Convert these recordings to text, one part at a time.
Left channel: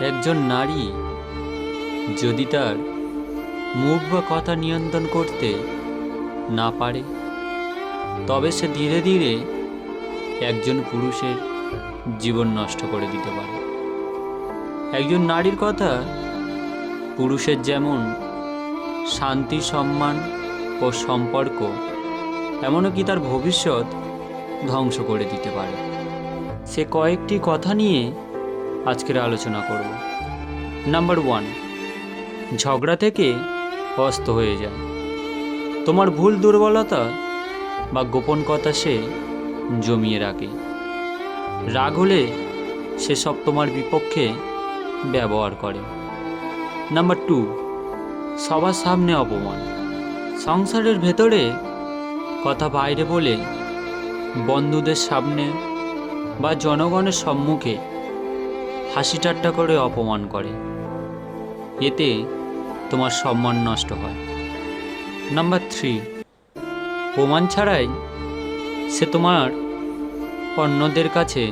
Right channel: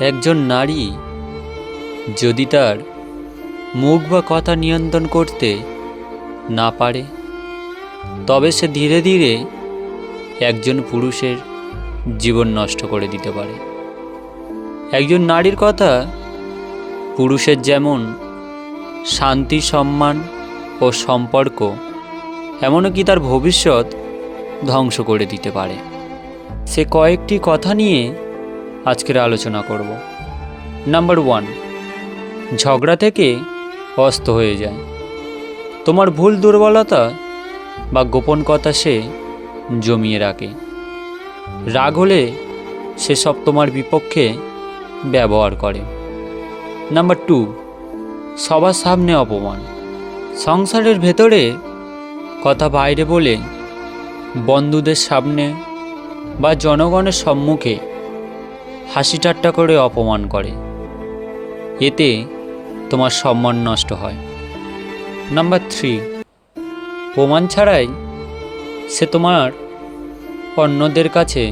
একজন নারী যদি তার মুখ বা কথা নিয়ন্ত্রণ করতে না পারে, তবে সে ধীরে ধীরে একজন পুরুষের জীবন নষ্ট করে দিতে পারে। একজন নারীর কথা পুরুষের যেমন শান্তি, সম্মান ও সম্পর্ক, এমনকি তার ভবিষ্যৎ ধ্বংস করে দিতে পারে। সে কয়েকটি কথা নিয়ে আজকের আলোচনা করব। নাম্বার 1, ঝগড়া থেকে অস্ত হয়ে যায়। তোমার ভুল, দুর্বলতা বা গোপন কথা সে জমিয়ে রাখে। রাগ হলে সে সব তোমার বিপক্ষে ব্যবহার করে। নাম্বার 2, সবার সামনে অপমান। সংসারের ভেতরে কথা বাইরে বলে বন্ধুদের সামনে বা জনগণের সম্মুখে হাসি ঠাট্টা করে অপমান করে। এতে তোমার সম্মান নষ্ট হয়। নাম্বার 3, প্রমাণ ছাড়াই সে তোমার অন্যদের কাছে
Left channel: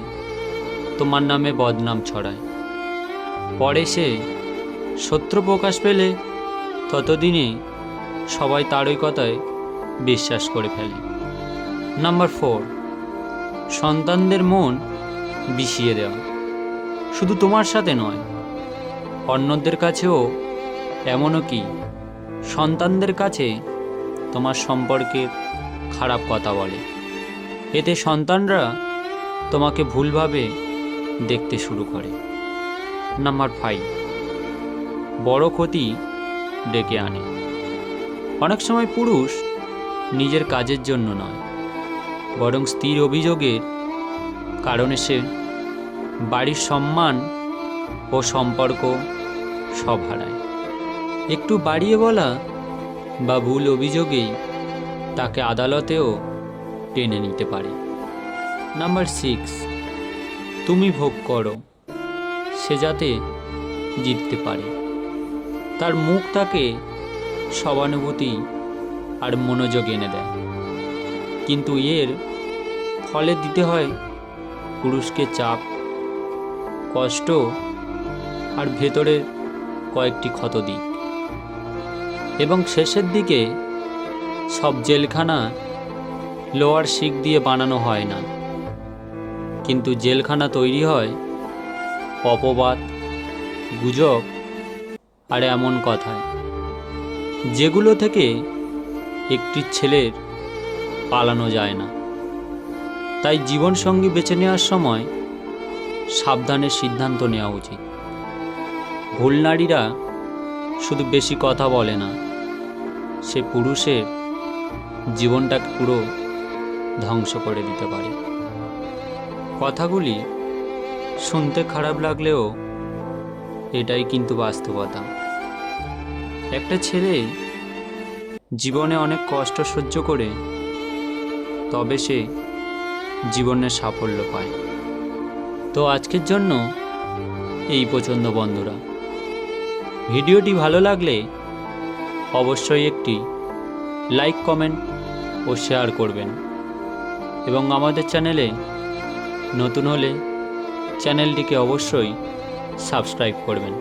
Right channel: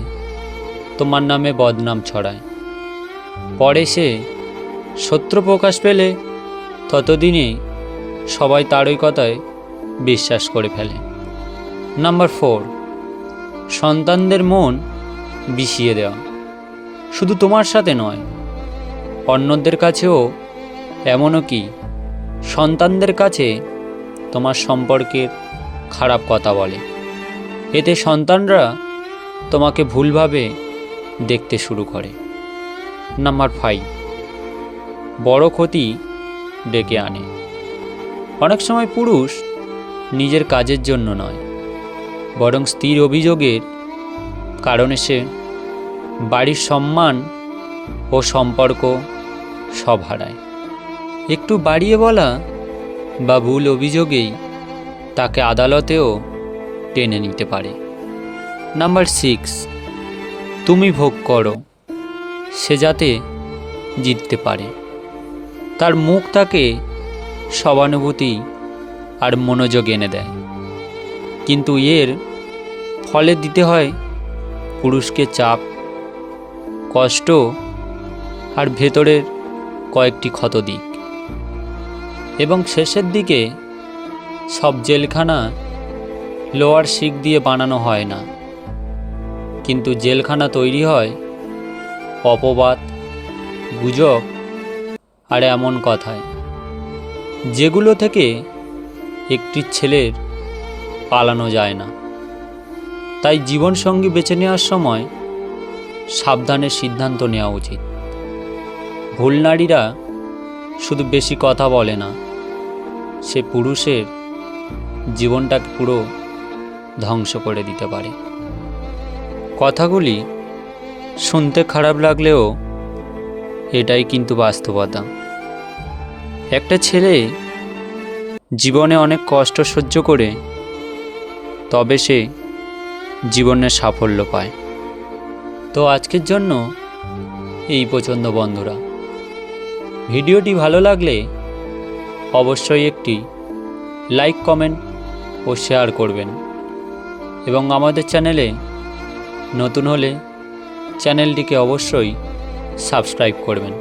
তোমার নামে বদনাম ছড়ায়। পরে সে শত্রু প্রকাশ পেলে ততদিনে সবাই তারই কথায় বিশ্বাস করে ফেলে। নাম্বার 4, সন্তানদের মন বিষিয়ে দেওয়া। শুধু তোমার সাথে নয়, অন্যদের কাছেও, এমনকি সন্তানদের কাছে তোমার সম্পর্কে খারাপ কথা বলে। এতে সন্তানরা তোমাকে ভুলভাবে দেখতে শুরু করে। নাম্বার 5, বড় ক্ষতি ডেকে আনে। অনেক সময় পুরুষ নিজের কাজের জন্য নয়, বরং স্ত্রীর অভিযোগের কারণে সে বাড়ির সম্মান ও সম্পর্ক সব হারায়। একটু বাড়িয়ে বলা বা ভুল অভিযোগেই তাকে আদালতেও টেনে নিতে পারে। নাম্বার 6, তুমি ভোগ করো সে যাতে জিততে পারে। তার মুখ তাকে সহানুভূতি আর মনোযোগ এনে দেয়, কিন্তু এর ফলে দিতে হয় পুরুষকে চাপ, কষ্ট আর ভেতরের কয়েকটি ক্ষত দিক। এবং শেষের দিকে সব জেলখানা লোহার শিক দিয়ে বানানো হয় না, কিন্তু জেলখানা তৈরি হয় অপবাদ, গুজব আর এমন কথায়, যেগুলো থেকে একটি ছেলের পালানো যায় না। তাই জীবনসঙ্গী বেছে নেওয়ার সময় সাবধানে সিদ্ধান্ত নেওয়া উচিত। ভুল নারীরা শুধু বেশি কথা বলে না, সে পুরুষের জীবনটাকে পুরো ধ্বংস করে দিতে পারে। কথাগুলি শুনতে খারাপ লাগলেও এটাই কিন্তু বাস্তবতা। একটা ছেলে জীবনে অনেক কষ্ট সহ্য করে তবে সে জীবনের সাফল্য পায়। তো আজকের জন্য এই পর্যন্ত বন্ধুরা। ভিডিওটি ভালো লাগলে অবশ্যই একটি লাইক, কমেন্ট ও শেয়ার করবেন, এবং আমাদের চ্যানেলে নতুন হলে চ্যানেলটিকে অবশ্যই সাবস্ক্রাইব করবেন।